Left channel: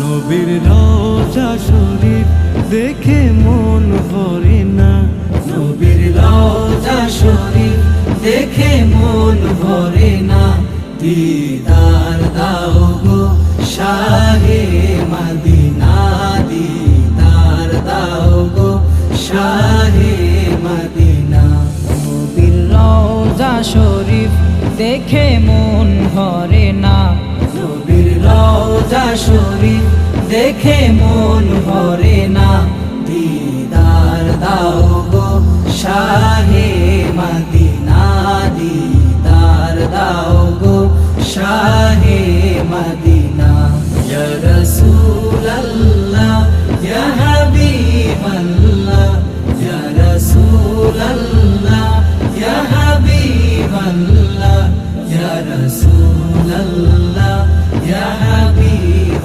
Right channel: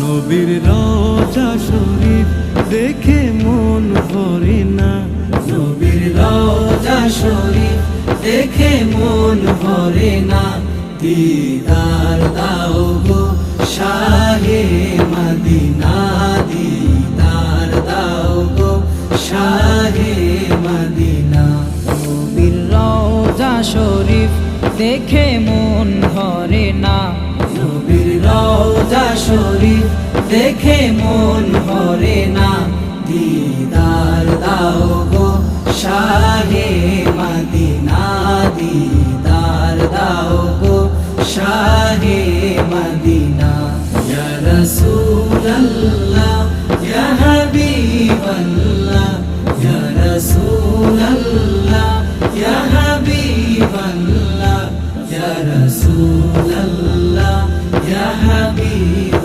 নবীর রওজা শরীফ দেখে মন ভরে না, নবীর রওজা শরীফ দেখে মন ভরে না। দিদার দাও গো শাহে মদিনা, দিদার দাও গো শাহে মদিনা। নবীর রওজা শরীফ দেখে মন ভরে না, নবীর রওজা শরীফ দেখে মন ভরে না। দিদার দাও গো শাহে মদিনা, দিদার দাও গো শাহে মদিনা। ইয়া রাসূলাল্লাহ ইয়া হাবিবাল্লাহ, ইয়া রাসূলাল্লাহ ইয়া হাবিবাল্লাহ, ইয়া রাসূলাল্লাহ ইয়া হাবিবাল্লাহ।